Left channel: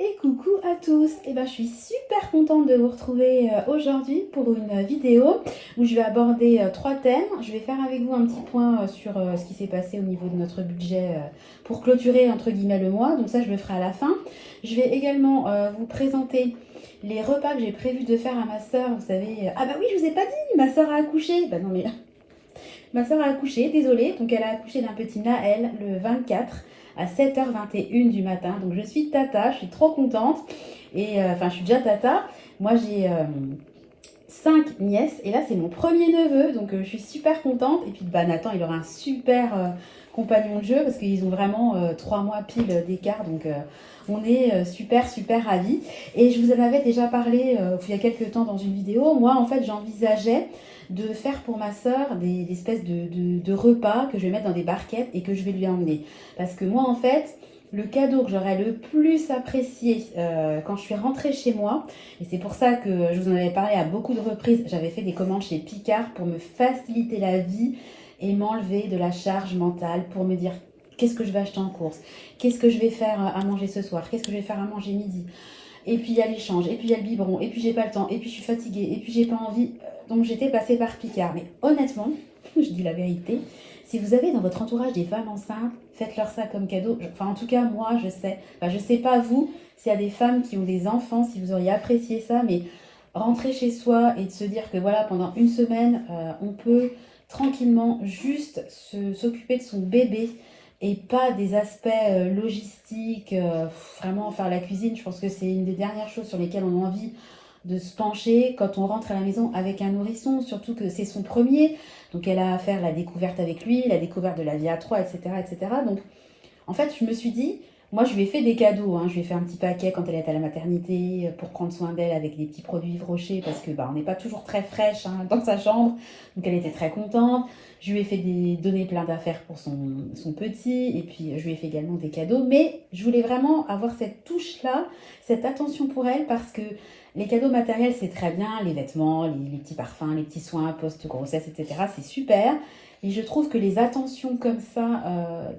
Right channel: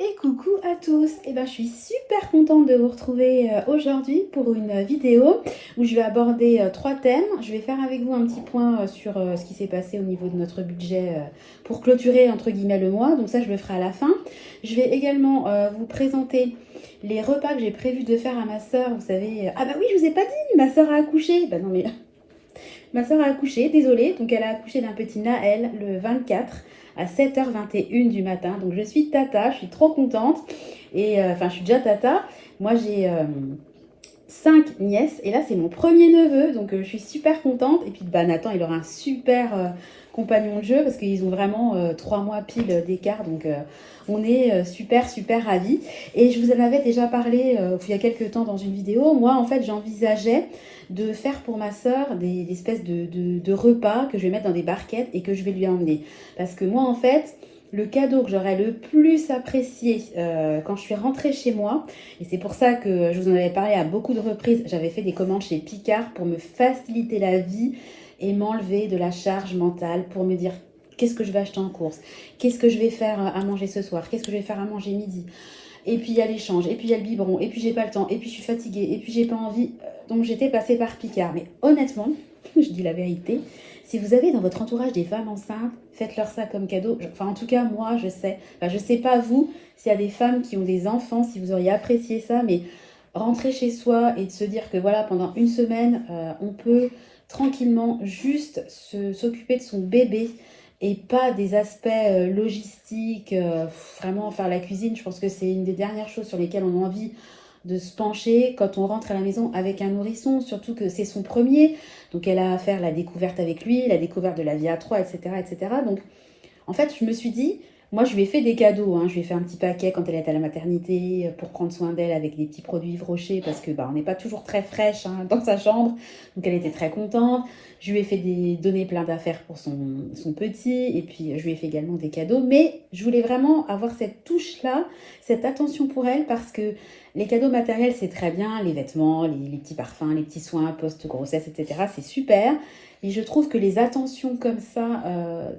Et coucou à tous. Je suis super contente de vous retrouver aujourd'hui pour une vidéo où je vais aborder trois thèmes. Je vais faire avec vous un petit point sur ce qui s'est passé au niveau de notre budget pour clôturer entre guillemets le mois. Donc ça, je le ferai à la fin. Je vais également vous présenter les repas que j'ai prévu de faire à ma soeur. Vous savez, ah bah oui, je vous ai pas dit, ma soeur a accouché. Bah non mais ma soeur a accouché, désolée. Donc elle a accouché d'un petit Naël le 24 à 7h21 du matin. Donc je suis tata, je suis trop contente. Et je suis déjà tata. Moi j'ai 5 nièces et là c'est mon premier neveu. Donc je suis super contente. Et puis Nathan, il aura un super compagnon de jeu parce qu'ils ont vraiment 3 mois pile d'écart. Donc on est super ravis. Et je vous en avais déjà parlé il y a quelques temps dans une vidéo. Moi en fait j'envisageais de faire pour ma soeur des espèces de repas que je vais mettre dans des barquettes et que je vais lui emmener. Parce que moi, en fait, le cadeau que j'aurais le plus apprécié quand je suis rentrée chez moi, et c'est pour ça que je vous en avais parlé à beaucoup de reprises, j'avais fait des commandes chez Picard pour me faciliter la vie et m'enlever de la charge mentale pour me dire qu'est-ce que je vais acheter en course, qu'est-ce que je vais faire à manger ce soir, qu'est-ce que je vais faire à manger midi. Et puis il y a l'échange, et puis il y a le biberon, et puis j'ai pas le temps, et puis je suis fatiguée, et puis j'ai pas envie. Donc j'étais passée par Picard. Mais honnêtement, je dis la vérité, si vous avez dans votre entourage des femmes enceintes, faites-leur ça comme cadeau. Enfin en tout cas moi je sais. Enfin, je sais pas vous, s'il y a des femmes qui ont des enfants, si vous auriez apprécié ça, mais rentrer chez soi et de se dire que voilà, pendant une semaine, on peut tranquillement juste s'occuper de son bébé et pas des aspects logistiques, vraiment faire la cuisine. Je pense que c'est une des dernières choses sur lesquelles on a envie de se pencher quand on rentre à la maison avec un nourrisson, surtout que c'est son premier. Donc elle a à faire la découverte avec lui, la découverte de la vie à trois, etc. etc. Donc en fait, je me suis dit, moi, je lui ai fait des cadeaux. Hein. Je lui ai fait un petit paquet quand elle est à la maternité pour prendre soin d'elle avec des petits produits Yves Rocher parce que on n'est pas toujours très fraîche dans sa chambre. Donc, elle était très contente. Je lui ai fait donner plein d'affaires pour son petit. Et puis, je lui ai fait également des cadeaux. Mais je voulais vraiment avoir cette touche-là, cette attention pour elle parce que les cadeaux matériels, c'est très bien. Les vêtements, les petits parfums, les petits soins post-grossesse, etc. C'est super. Et je trouve que les attentions comme ça,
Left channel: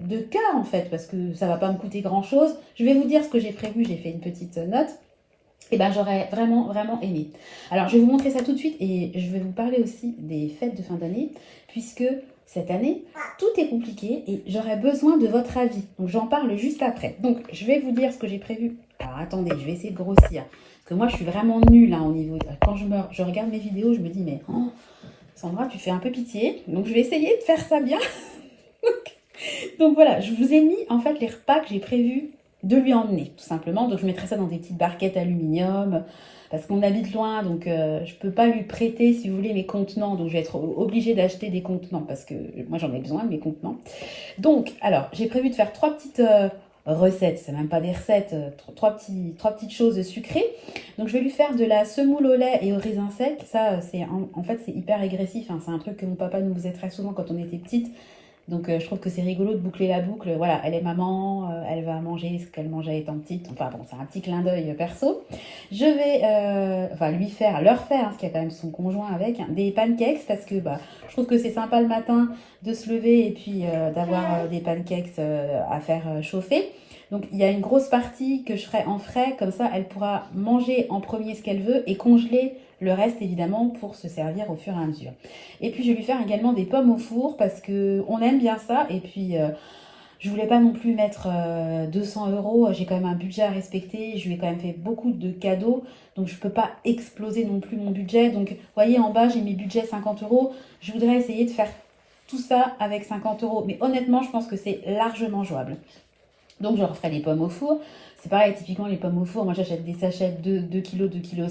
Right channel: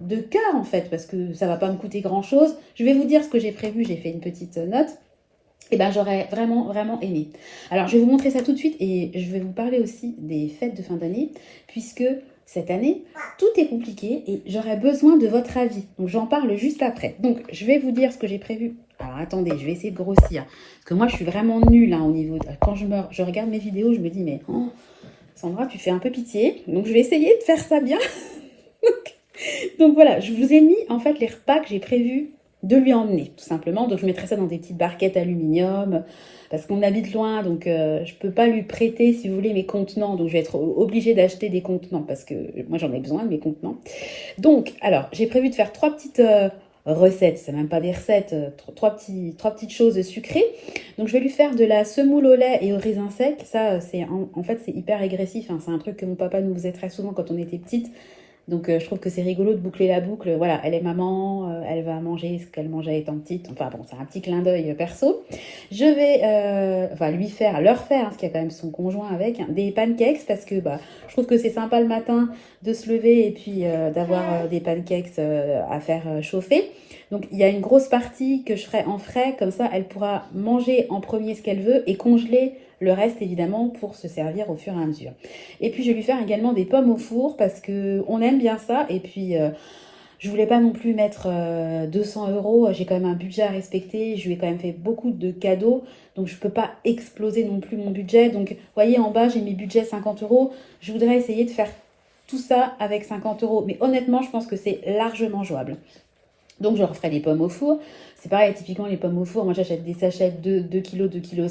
de cœur en fait, parce que ça va pas me coûter grand chose, je vais vous dire ce que j'ai prévu, j'ai fait une petite note, et j'aurais vraiment aimé. Alors je vais vous montrer ça tout de suite et je vais vous parler aussi des fêtes de fin d'année, puisque cette année, tout est compliqué et j'aurais besoin de votre avis. Donc j'en parle juste après. Donc je vais vous dire ce que j'ai prévu. Alors attendez, je vais essayer de grossir. Parce que moi je suis vraiment nulle au niveau. Quand je regarde mes vidéos, je me dis mais Sandra, tu fais un peu pitié. Donc, je vais essayer de faire ça bien. Donc, voilà, je vous ai mis en fait les repas que j'ai prévu de lui emmener, tout simplement. Donc, je mettrai ça dans des petites barquettes aluminium parce qu'on habite loin. Donc, je ne peux pas lui prêter, si vous voulez, mes contenants. Donc, je vais être obligée d'acheter des contenants parce que moi, j'en ai besoin de mes contenants. Donc, alors, j'ai prévu de faire trois petites recettes. C'est même pas des recettes, trois petites choses sucrées. Donc, je vais lui faire de la semoule au lait et au raisin sec. Ça, en fait, c'est hyper régressif. Hein. C'est un truc que mon papa nous faisait très souvent quand on était petite. Donc, je trouve que c'est rigolo de boucler la boucle. Voilà, elle est maman, elle va manger ce qu'elle mangeait étant petite. Enfin, bon, c'est un petit clin d'œil perso. Je vais leur faire, parce qu'il y a quand même son conjoint avec, des pancakes parce que je trouve que c'est sympa le matin de se lever et puis d'avoir des pancakes à faire chauffer. Donc, il y a une grosse partie que je ferai en frais. Comme ça, elle pourra manger en premier ce qu'elle veut et congeler le reste, évidemment, pour se servir au fur et à mesure. Et puis, je vais lui faire également des pommes au four parce qu'on aime bien ça. Et puis, je voulais pas non plus mettre 200 euros. J'ai quand même un budget à respecter. Je lui ai quand même fait beaucoup de cadeaux. Donc, je peux pas exploser non plus mon budget. Donc, vous voyez, en bas, j'ai mis budget 50 euros. Je voudrais essayer de faire tout ça avec 50 euros. Mais honnêtement, je pense que c'est largement jouable. Donc, je referai les pommes au four. C'est pareil, typiquement, les pommes au four. Moi, j'achète des sachets de 2 kg, 2,5 kg.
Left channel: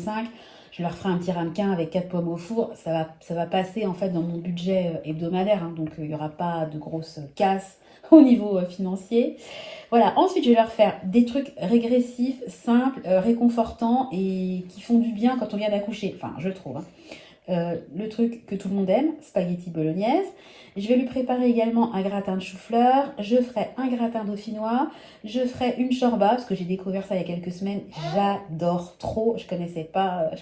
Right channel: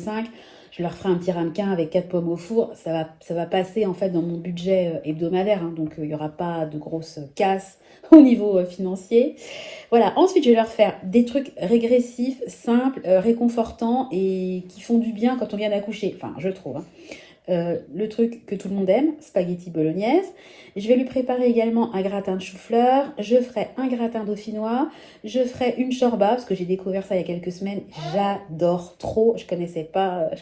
Je leur ferai un petit ramequin avec 4 pommes au four. Ça va passer en fait dans mon budget hebdomadaire. Hein, donc, il n'y aura pas de grosses casses au niveau financier. Voilà. Ensuite, je vais leur faire des trucs régressifs, simples, réconfortants et qui font du bien quand on vient d'accoucher. Enfin, je trouve. Hein. le truc que tout le monde aime, spaghetti bolognaise. Je vais lui préparer également un gratin de chou-fleur. Je ferai un gratin dauphinois. Je ferai une shorba, parce que j'ai découvert ça il y a quelques semaines. J'adore trop. Je connaissais pas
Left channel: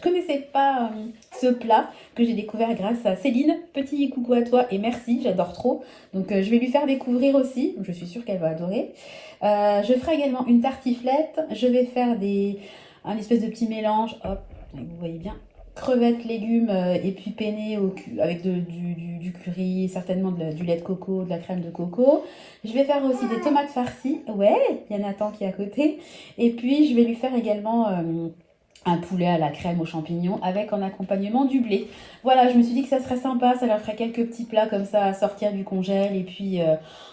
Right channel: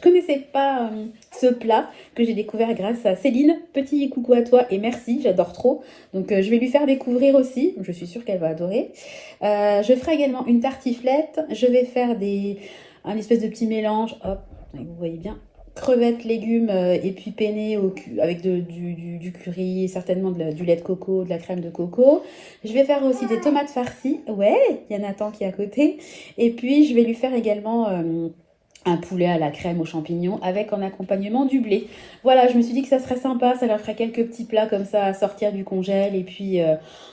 ce plat que j'ai découvert grâce à Céline. Petit coucou à toi et merci, j'adore trop. Donc je vais lui faire découvrir aussi. Je suis sûre qu'elle va adorer. Je ferai également une tartiflette. Je vais faire un espèce de petit mélange. Hop, vous voyez bien. Crevettes, légumes et puis penne avec du curry, certainement du lait de coco, de la crème de coco. Je vais faire aussi des tomates farcies. Ouais, il y a Nathan qui est à côté. Et puis, je vais lui faire également un poulet à la crème aux champignons avec en accompagnement du blé. Voilà, je me suis dit que ça serait sympa, ça leur ferait quelques petits plats comme ça à sortir du congèle et puis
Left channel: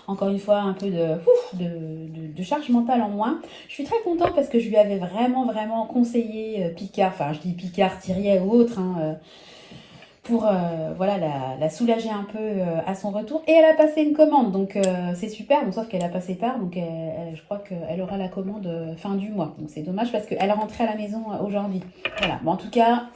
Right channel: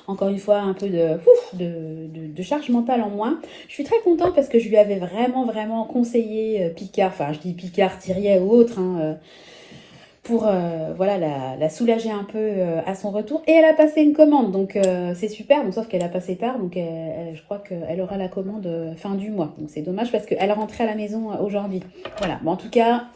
encore une fois un peu de charge mentale en moins. Je suis très contente parce que je lui avais vraiment conseillé Picard, enfin je dis Picard, Thiriet ou autre, hein, pour voilà, la soulager un peu à son retour. Et elle a passé une commande, donc c'est super, donc, sauf qu'elle a passé tard, donc je crois qu'elle aura la commande fin du mois. Donc c'est dommage parce qu'elle est rentrée à la maison aujourd'hui. Voilà, bon, en tout cas,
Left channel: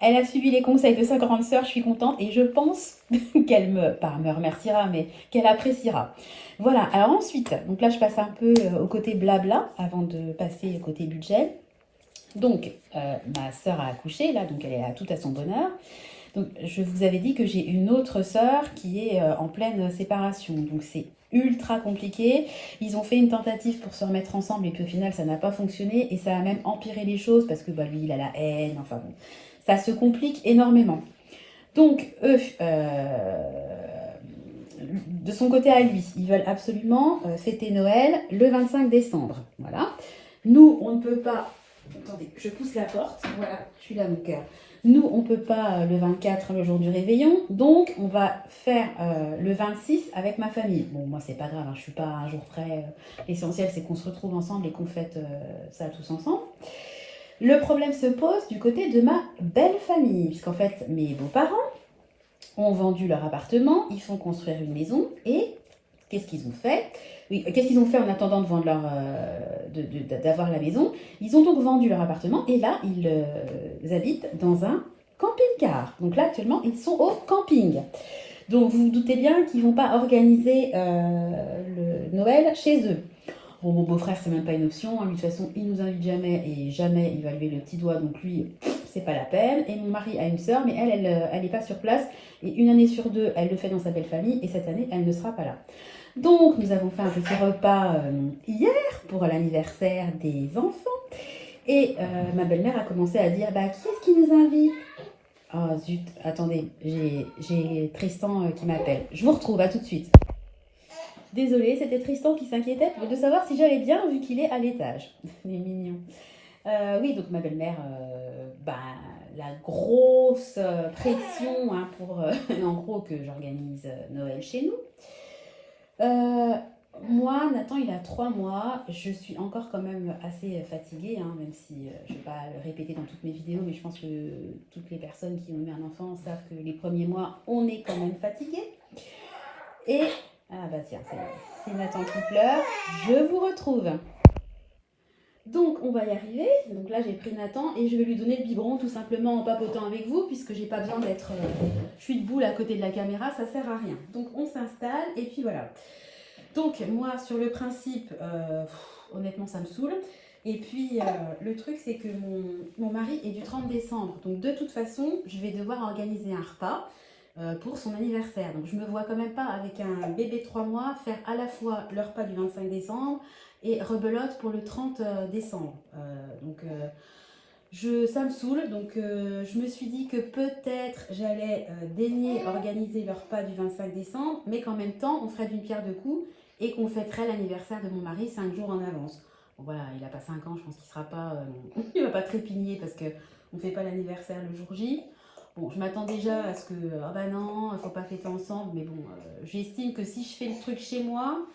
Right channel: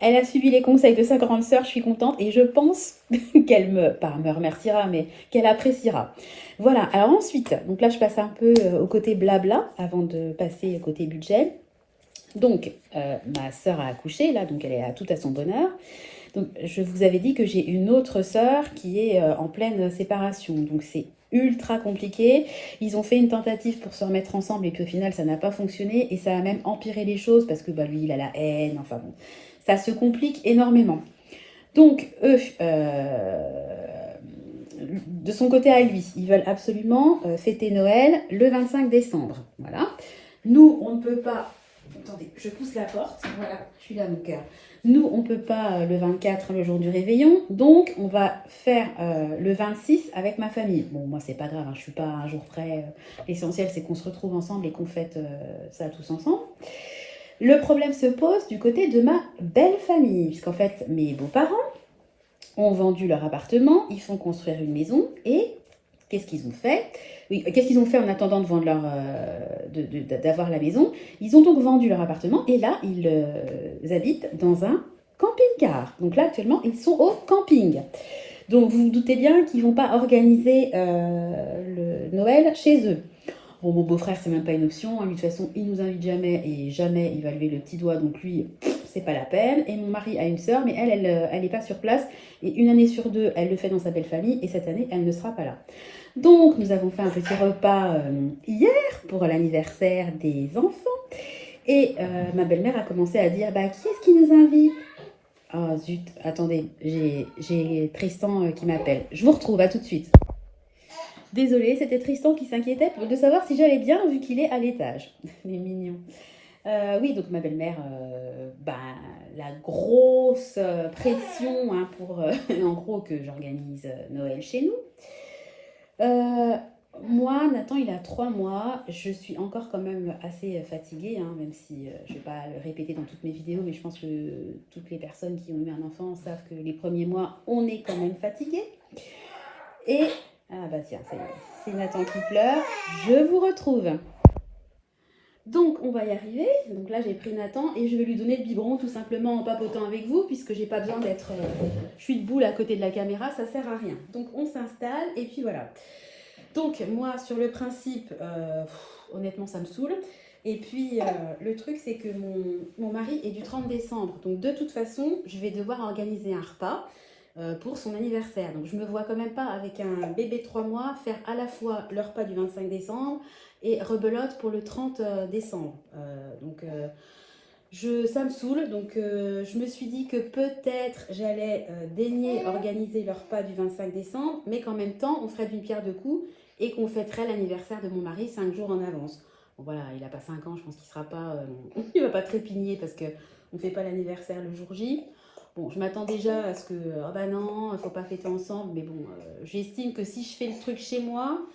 elle a suivi les conseils de sa grande sœur, je suis contente, et je pense qu'elle pas me remerciera, mais qu'elle appréciera. Voilà, alors ensuite, donc là je passe un peu au côté blabla avant de passer au côté budget. Donc, ma sœur a accouché, là, donc elle est tout à son bonheur. Donc, je vous avais dit que j'ai une autre sœur qui est en pleine séparation. Donc, c'est ultra compliqué. Ils ont fait une tentative pour se remettre ensemble et puis au final, ça n'a pas fonctionné. Et ça a même empiré les choses parce que lui, il a la haine. Enfin bon, ça se complique énormément. Donc, eux, de son côté à lui, ils veulent absolument fêter Noël le 25 décembre. Voilà. Nous, on ne peut pas... Attendez, je pousse la porte. Voilà, je suis là, mon cœur. Nous, on ne peut pas le 24, le jour du réveillon. Donc, on va faire le 26 avec ma famille. Bon, moi, c'est pas grave, hein, je ne suis pas un jour près. L'essentiel, c'est qu'on se retrouve ensemble et qu'on fête ça tous ensemble. Le problème se pose du côté de ma belle famille. Puisqu'en fait, mes beaux-parents ont vendu leur appartement. Ils font construire une maison. Et qu'est-ce qu'ils ont fait ? Oui, qu'est-ce qu'ils ont fait en attendant de vendre d'avoir la maison? Ils ont donc vendu leur appartement et là, ils habitent dans un camping-car. Donc là, actuellement, ils sont au camping. Donc vous vous doutez bien qu'ils ne vont pas organiser le Noël chez eux. Bon, mon beau-frère, c'est même pas une option. Lui, de toute façon, il nous invite jamais et jamais il va lever le petit doigt. Donc lui, c'est pas la peine. Et mon mari a une sœur, mais elle n'est pas sur place. Et une année sur deux, elle le fait dans sa belle famille. Et cette année, elle ne sera pas là. Donc, nous avons fait un petit repas hier pour l'anniversaire des enfants. Et ma belle-mère a commencé à dire, qui est-ce qui nous invite? Oh zut, attendez, j'ai Tristan qui m'appelle. Je vous retrouve, à tout de suite. Désolée, c'était Tristan qui s'inquiétait de savoir si j'allais bien vu qu'il est à l'étage. Il est mignon. Oui, donc ma belle-mère, la grosse pression pour, en gros, que j'organise Noël chez nous. Moi, Nathan, il a 3 mois. Je suis encore quand même assez fatiguée, hein, même si je ne vais pas le répéter dans toutes mes vidéos, mais je pense que toutes les personnes qui ont eu un enfant savent que les premiers mois, on est quand même fatigué. Et, tiens, c'est Nathan qui pleure. Je vous retrouve. Donc, on va y arriver. Donc là, j'ai pris Nathan et je vais lui donner le biberon tout simplement en papotant avec vous, puisque j'ai pas besoin d'être... je suis debout là, à côté de la caméra, ça sert à rien. Donc, on s'installe et puis voilà. Donc, moi, sur le principe, honnêtement, ça me saoule. Et puis, le truc, c'est que mon mari est du 30 décembre. Donc, de toute façon, je vais devoir organiser un repas pour son anniversaire. Donc, je me vois quand même pas, avec un bébé de 3 mois, faire à la fois le repas du 25 décembre et rebelote pour le 30 décembre. Ça me saoule. Donc, je me suis dit que peut-être j'allais daigner organiser le repas du 25 décembre, mais qu'en même temps, on ferait d'une pierre deux coups et qu'on fêterait l'anniversaire de mon mari 5 jours en avance. Bon, voilà, il n'a pas 5 ans, je pense qu'il sera pas, il va pas trépigner parce qu'on ne fait pas l'anniversaire le jour J. Bon, je m'attends déjà à ce que, non, il ne faut pas fêter ensemble, mais bon, j'estime que si je fais le truc chez moi,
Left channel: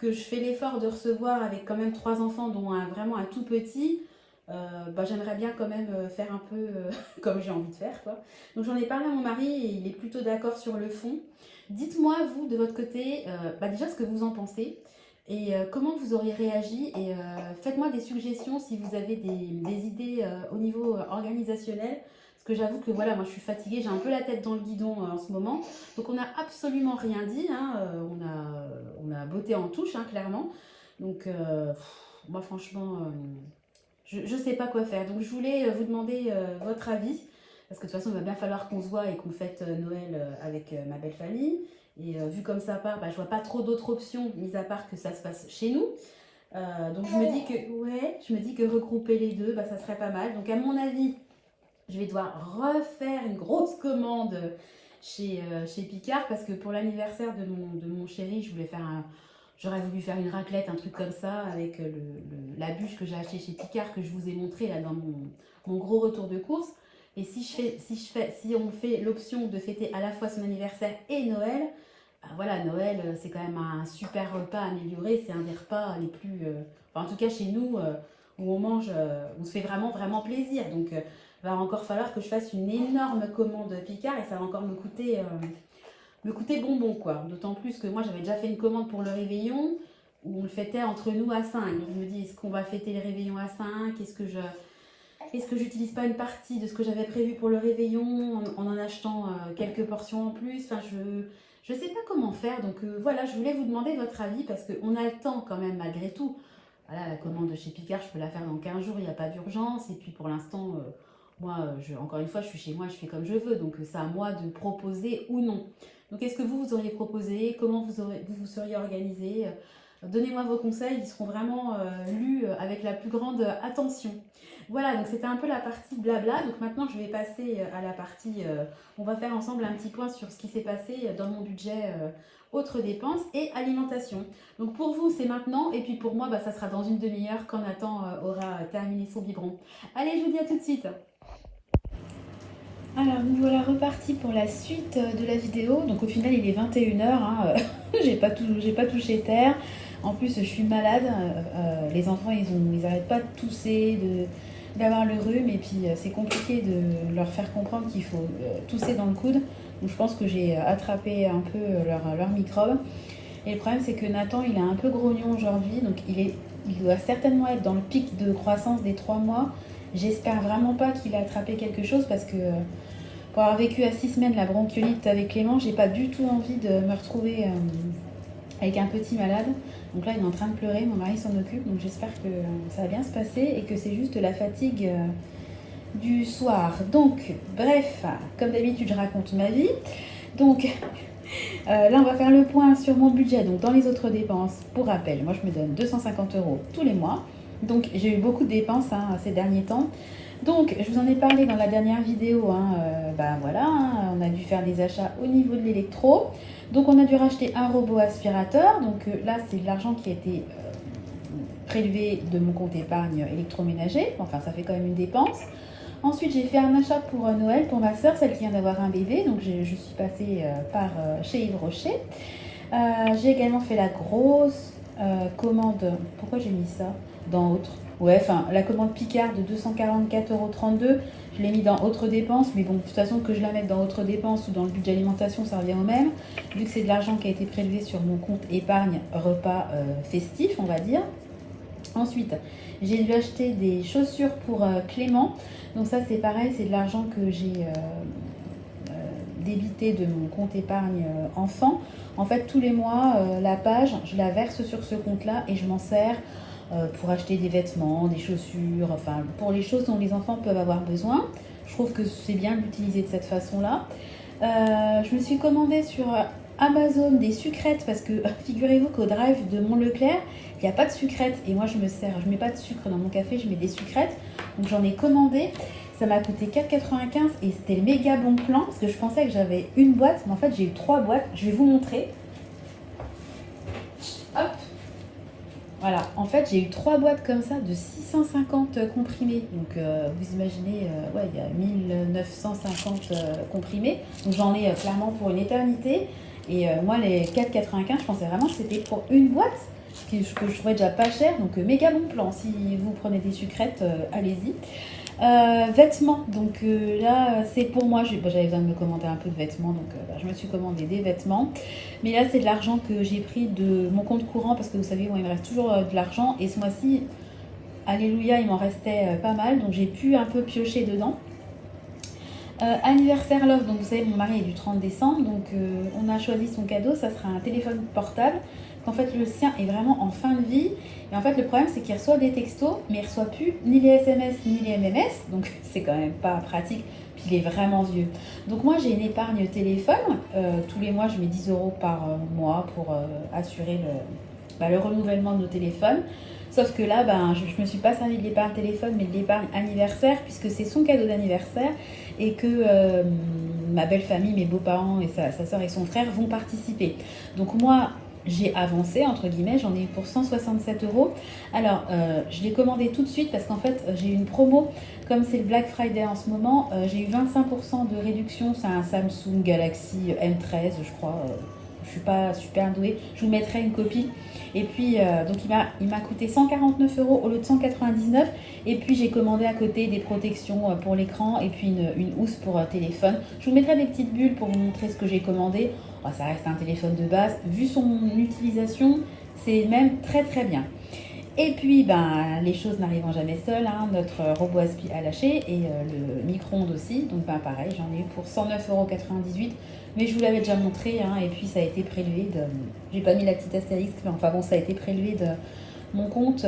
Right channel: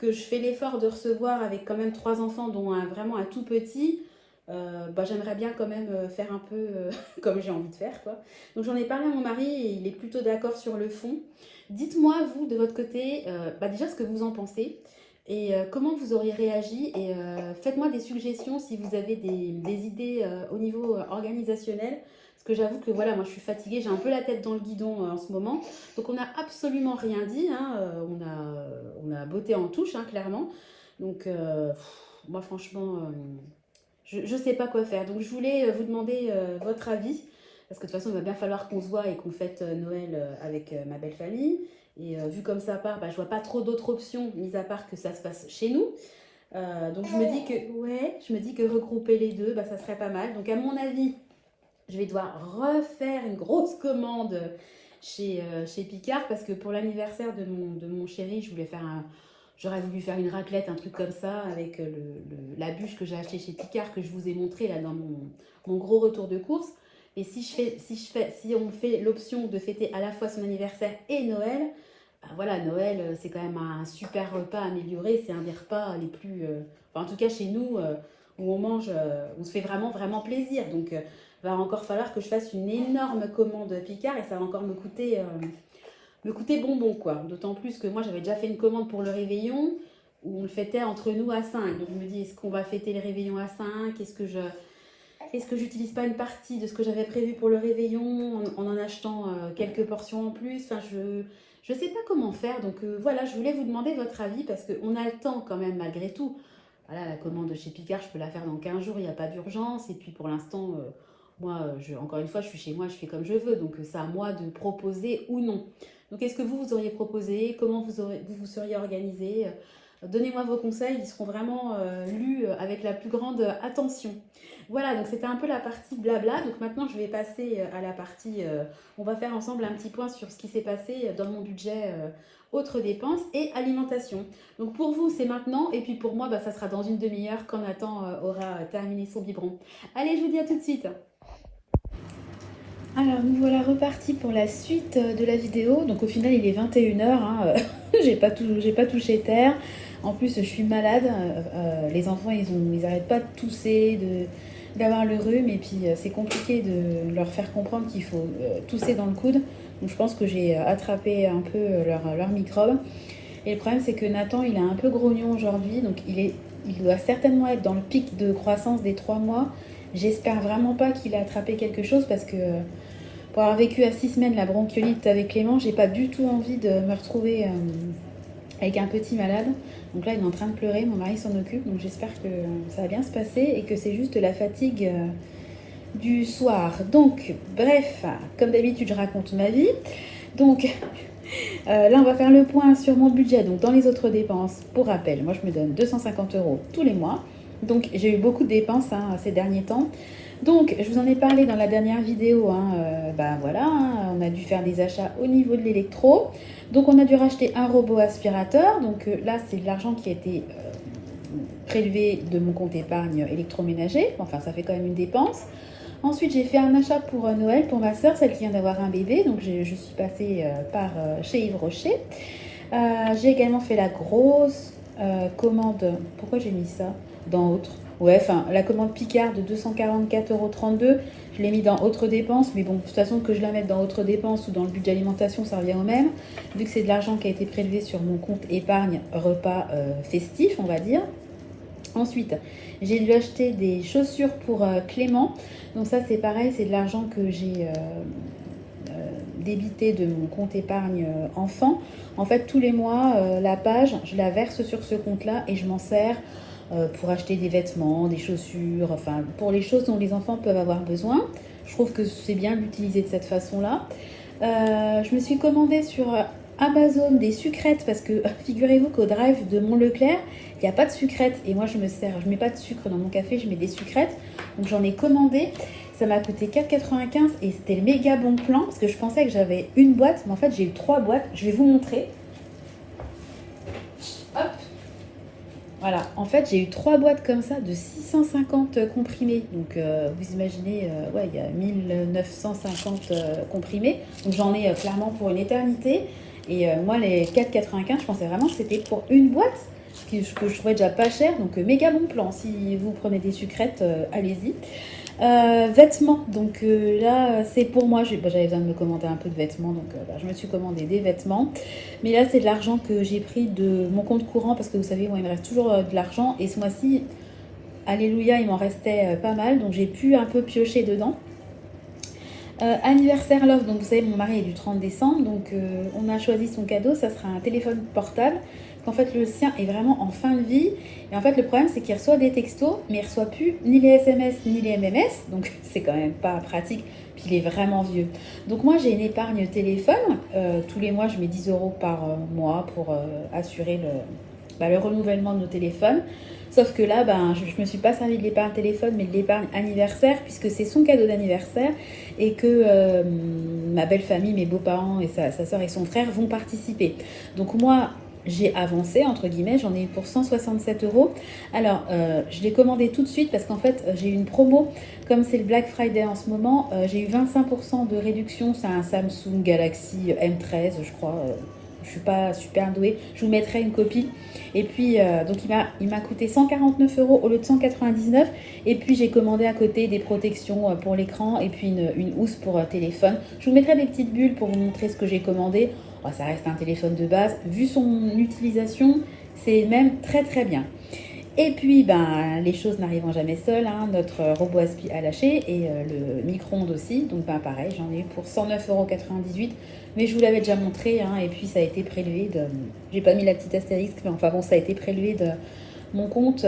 que je fais l'effort de recevoir avec quand même 3 enfants, dont vraiment un tout petit, j'aimerais bien quand même faire un peu comme j'ai envie de faire, quoi. Donc j'en ai parlé à mon mari et il est plutôt d'accord sur le fond. Dites-moi, vous, de votre côté, déjà ce que vous en pensez et comment vous auriez réagi et faites-moi des suggestions si vous avez des idées au niveau organisationnel. Parce Parce que j'avoue que voilà, moi je suis fatiguée, j'ai un peu la tête dans le guidon en ce moment. Donc on n'a absolument rien dit, hein, on a botté en touche, hein, clairement. Donc moi franchement, je sais pas quoi faire. Donc je voulais vous demander votre avis. Parce que de toute façon, il va bien falloir qu'on se voit et qu'on fête Noël avec ma belle famille. Et vu comme ça part, bah, je vois pas trop d'autres options, mis à part que ça se passe chez nous. Donc je me dis que ouais, je me dis que regrouper les deux, bah, ça serait pas mal. Donc à mon avis, je vais devoir refaire une grosse commande chez Picard parce que pour l'anniversaire de mon chéri, j'aurais voulu faire une raclette, un truc comme ça, avec la bûche que j'ai achetée chez Picard que je vous ai montré là dans mon gros retour de course. Et si on fait l'option de fêter à la fois son anniversaire et Noël, voilà, Noël, c'est quand même un super repas amélioré. C'est un des repas les plus. Enfin, en tout cas, chez nous, où on mange, on se fait vraiment, vraiment plaisir. Donc, il va encore falloir que je fasse une énorme commande Picard et ça va encore me coûter bonbon, quoi. D'autant plus que moi, j'avais déjà fait une commande pour le réveillon où on le fêtait entre nous à 5. Donc, je me dis, est-ce qu'on va fêter les réveillons à 5? Est-ce que j'utilise pas une partie de ce que j'avais prévu pour le réveillon en achetant quelques portions en plus? Enfin, je sais pas comment faire. Donc voilà, je voulais vous demander votre avis parce qu'on a le temps quand même malgré tout. Voilà, la commande de chez Picard, je peux la faire dans 15 jours, il n'y a pas d'urgence. Et puis pour l'instant, moi, encore une fois, je suis chez moi, je fais comme je veux. Donc c'est à moi de proposer ou non. Donc est-ce que vous auriez proposé? Comment vous vous seriez organisé? Donnez-moi vos conseils, ils seront vraiment lus avec la plus grande attention. Voilà, donc c'était un peu la partie blabla. Donc maintenant, je vais passer à la partie. On va faire ensemble un petit point sur ce qui s'est passé dans mon budget autres dépenses et alimentation. Donc pour vous, c'est maintenant. Et puis pour moi, bah, ça sera dans une demi-heure quand Nathan aura terminé son biberon. Allez, je vous dis à tout de suite. Alors, nous voilà repartis pour la suite de la vidéo. Donc au final, il est 21h. Hein, j'ai pas touché terre. En plus, je suis malade. Les enfants, ils arrêtent pas de tousser, d'avoir le rhume. Et puis, c'est compliqué de leur faire comprendre qu'il faut tousser dans le coude. Donc, je pense que j'ai attrapé un peu leur microbe. Et le problème, c'est que Nathan, il est un peu grognon aujourd'hui. Donc, il doit certainement être dans le pic de croissance des 3 mois. J'espère vraiment pas qu'il a attrapé quelque chose parce que pour avoir vécu à 6 semaines la bronchiolite avec Clément, j'ai pas du tout envie de me retrouver avec un petit malade. Donc là, il est en train de pleurer, mon mari s'en occupe, donc j'espère que ça va bien se passer et que c'est juste la fatigue du soir. Donc, bref, comme d'habitude, je raconte ma vie. Donc, là, on va faire le point sur mon budget. Donc, dans les autres dépenses, pour rappel, moi, je me donne 250 € tous les mois. Donc, j'ai eu beaucoup de dépenses ces derniers temps. Donc, je vous en ai parlé dans la dernière vidéo. Bah voilà, on a dû faire des achats au niveau de l'électro. Donc, on a dû racheter un robot aspirateur. Donc, là, c'est de l'argent qui a été prélevé de mon compte épargne électroménager. Enfin, ça fait quand même une dépense. Ensuite, j'ai fait un achat pour Noël pour ma soeur, celle qui vient d'avoir un bébé. Donc, je suis passée par chez Yves Rocher. J'ai également fait la grosse commande. Pourquoi j'ai mis ça dans autre? Ouais, enfin, la commande Picard de 244,32 €. Je l'ai mis dans autres dépenses. Mais bon, de toute façon, que je la mette dans autres dépenses ou dans le budget alimentation, ça revient au même. Vu que c'est de l'argent qui a été prélevé sur mon compte épargne repas festif, on va dire. Ensuite, j'ai dû acheter des chaussures pour Clément. Donc ça, c'est pareil, c'est de l'argent que j'ai débité de mon compte épargne enfant. En fait, tous les mois, la page, je la verse sur ce compte-là et je m'en sers pour acheter des vêtements, des chaussures, enfin, pour les choses dont les enfants peuvent avoir besoin. Je trouve que c'est bien d'utiliser de cette façon-là. Je me suis commandé sur Amazon des sucrètes parce que figurez-vous qu'au drive de Mont Leclerc, il n'y a pas de sucrètes et moi je mets pas de sucre dans mon café, je mets des sucrètes. Donc j'en ai commandé, ça m'a coûté 4,95 € et c'était le méga bon plan parce que je pensais que j'avais une boîte, mais en fait j'ai eu 3 boîtes. Je vais vous montrer. Hop, voilà, en fait j'ai eu 3 boîtes comme ça de 650 comprimés. Donc vous imaginez, ouais, il y a 1950 comprimés. Donc j'en ai clairement pour une éternité. Et moi les 4,95, je pensais vraiment que c'était pour une boîte. Que je trouvais déjà pas cher, donc méga bon plan. Si vous prenez des sucrètes, allez-y. Vêtements, donc là c'est pour moi, j'avais besoin de me commander un peu de vêtements, donc je me suis commandé des vêtements. Mais là c'est de l'argent que j'ai pris de mon compte courant parce que vous savez, moi, il me reste toujours de l'argent et ce mois-ci, alléluia, il m'en restait pas mal, donc j'ai pu un peu piocher dedans. Anniversaire Love, donc vous savez, mon mari est du 30 décembre, donc on a choisi son cadeau, ça sera un téléphone portable. En fait, le sien est vraiment en fin de vie. Et en fait, le problème, c'est qu'il reçoit des textos, mais il reçoit plus ni les SMS ni les MMS, donc c'est quand même pas pratique. Puis il est vraiment vieux. Donc moi, j'ai une épargne téléphone. Tous les mois, je mets 10 euros par mois pour assurer le renouvellement de nos téléphones. Sauf que là, je ne me suis pas servi de l'épargne téléphone, mais de l'épargne anniversaire, puisque c'est son cadeau d'anniversaire et que ma belle famille, mes beaux-parents et sa soeur et son frère vont participer. Donc moi, j'ai avancé, entre guillemets, j'en ai eu pour 167 euros. Alors, je l'ai commandé tout de suite parce qu'en fait, j'ai eu une promo. Comme c'est le Black Friday en ce moment, j'ai eu 25% de réduction. C'est un Samsung Galaxy M13, je crois. Je suis pas super douée. Je vous mettrai une copie. Et puis, donc il m'a coûté 149 euros au lieu de 199. Et puis, j'ai commandé à côté des protections pour l'écran et puis une housse pour téléphone. Je vous mettrai des petites bulles pour vous montrer ce que j'ai commandé. Oh, ça reste un téléphone de base. Vu son utilisation, c'est même très très bien. Et puis, les choses n'arrivant jamais seules, hein, notre robot aspi a lâché et le micro-ondes aussi. Donc, pareil, j'en ai eu pour 109,98 €. Mais je vous l'avais déjà montré, hein, et puis ça a été prélevé de... J'ai pas mis la petite astérisque, mais enfin bon, ça a été prélevé de mon compte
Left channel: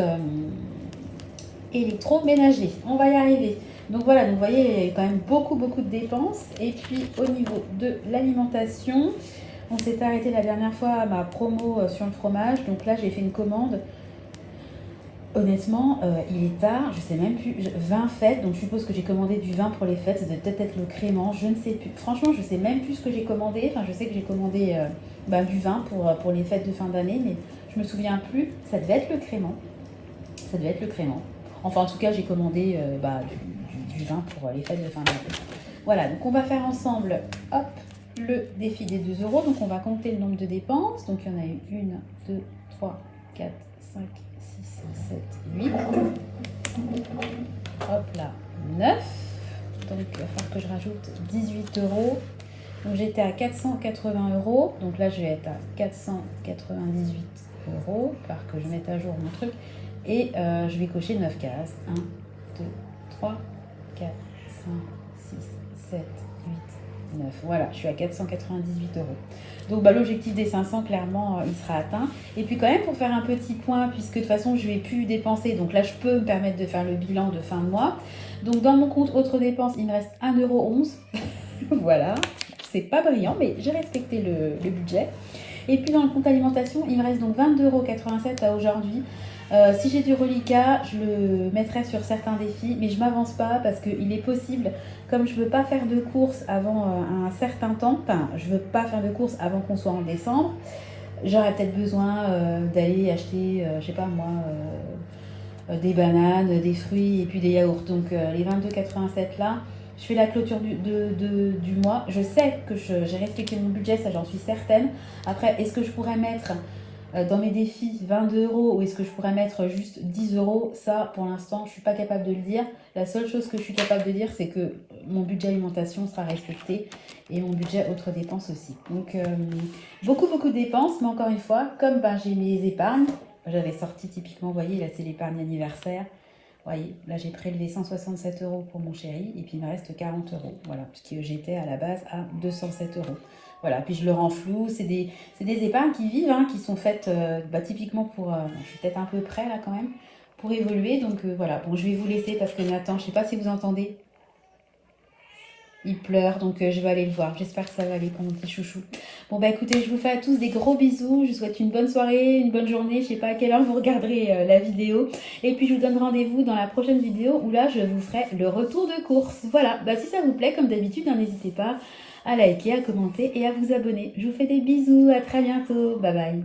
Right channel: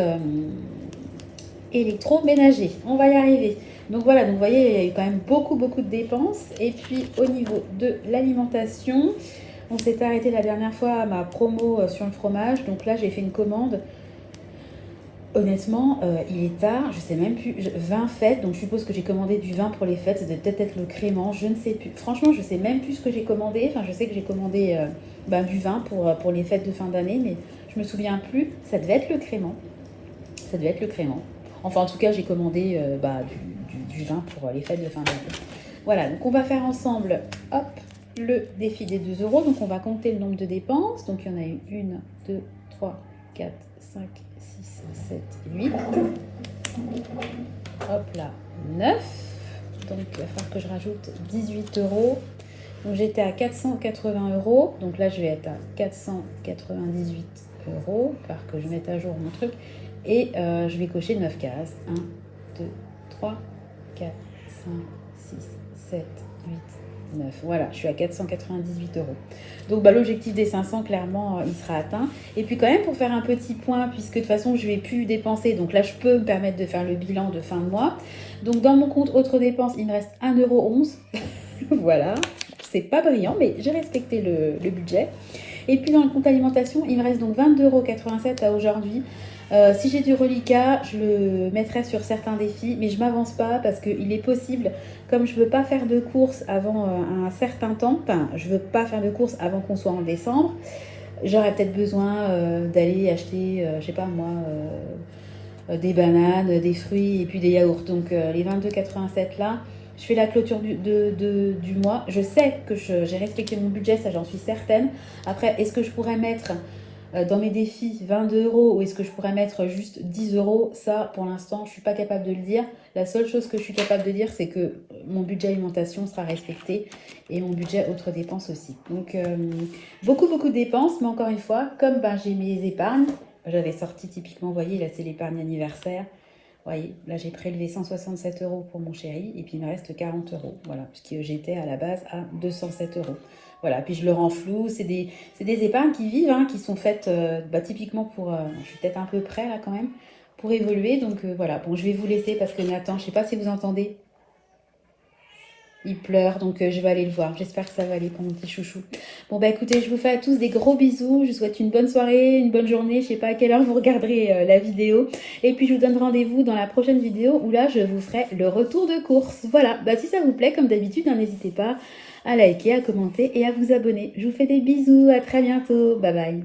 électroménager. On va y arriver. Donc voilà, donc vous voyez, il y a quand même beaucoup de dépenses. Et puis, au niveau de l'alimentation, on s'est arrêté la dernière fois à ma promo sur le fromage. Donc là, j'ai fait une commande. Honnêtement, il est tard, je sais même plus, 20 fêtes, donc je suppose que j'ai commandé du vin pour les fêtes, ça doit peut-être être le crément, je ne sais plus. Franchement, je sais même plus ce que j'ai commandé, enfin je sais que j'ai commandé du vin pour les fêtes de fin d'année, mais je me souviens plus, ça devait être le crément. Ça devait être le crément. Enfin en tout cas, j'ai commandé du vin pour les fêtes de fin d'année. Voilà, donc on va faire ensemble, hop, le défi des 2 euros, donc on va compter le nombre de dépenses, donc il y en a eu 1, 2, 3, 4, 5, 7, 8, hop là, 9, donc il va falloir que je rajoute 18 euros, donc j'étais à 480 euros, donc là je vais être à 498 euros, par que je mette à jour mon truc, et je vais cocher 9 cases, 1, 2, 3, 4, 5, 6, 7, 8, 9, voilà, je suis à 498 euros. Donc l'objectif des 500, clairement, il sera atteint. Et puis quand même, pour faire un petit point, puisque de toute façon, je ne vais plus dépenser, donc là, je peux me permettre de faire le bilan de fin de mois. Donc dans mon compte autres dépenses, il me reste 1,11 €. Voilà, c'est pas brillant, mais j'ai respecté le budget. Et puis dans le compte alimentation, il me reste donc 22,87 € à aujourd'hui. Si j'ai du reliquat, je le mettrai sur certains défis, mais je m'avance pas parce qu'il est possible, comme je veux pas faire de courses avant un certain temps, enfin, je veux pas faire de courses avant qu'on soit en décembre, j'aurais peut-être besoin d'aller acheter, je sais pas moi, des bananes, des fruits et puis des yaourts. Donc les 22,87 là, je fais la clôture du mois. Je sais que j'ai respecté mon budget, ça j'en suis certaine. Après, est-ce que je pourrais mettre dans mes défis 22 € ou est-ce que je pourrais mettre juste 10 €? Ça, pour l'instant, je ne suis pas capable de le dire. La seule chose que je suis capable de dire, c'est que mon budget alimentation sera respecté et mon budget autres dépenses aussi. Donc, beaucoup de dépenses, mais encore une fois, comme j'ai mes épargnes, j'avais sorti typiquement, vous voyez, là c'est l'épargne anniversaire. Vous voyez, là j'ai prélevé 167 € pour mon chéri et puis il me reste 40 €. Voilà, puisque j'étais à la base à 207 €. Voilà, puis je le rends flou. C'est des épargnes qui vivent, hein, qui sont faites typiquement pour... je suis peut-être un peu près là quand même, pour évoluer. Donc voilà, bon, je vais vous laisser parce que Nathan, je ne sais pas si vous entendez, il pleure, donc je vais aller le voir. J'espère que ça va aller pour mon petit chouchou. Bon, écoutez, je vous fais à tous des gros bisous. Je vous souhaite une bonne soirée, une bonne journée. Je sais pas à quelle heure vous regarderez la vidéo. Et puis, je vous donne rendez-vous dans la prochaine vidéo où là, je vous ferai le retour de course. Voilà, si ça vous plaît, comme d'habitude, n'hésitez pas à liker, à commenter et à vous abonner. Je vous fais des bisous. À très bientôt. Bye bye.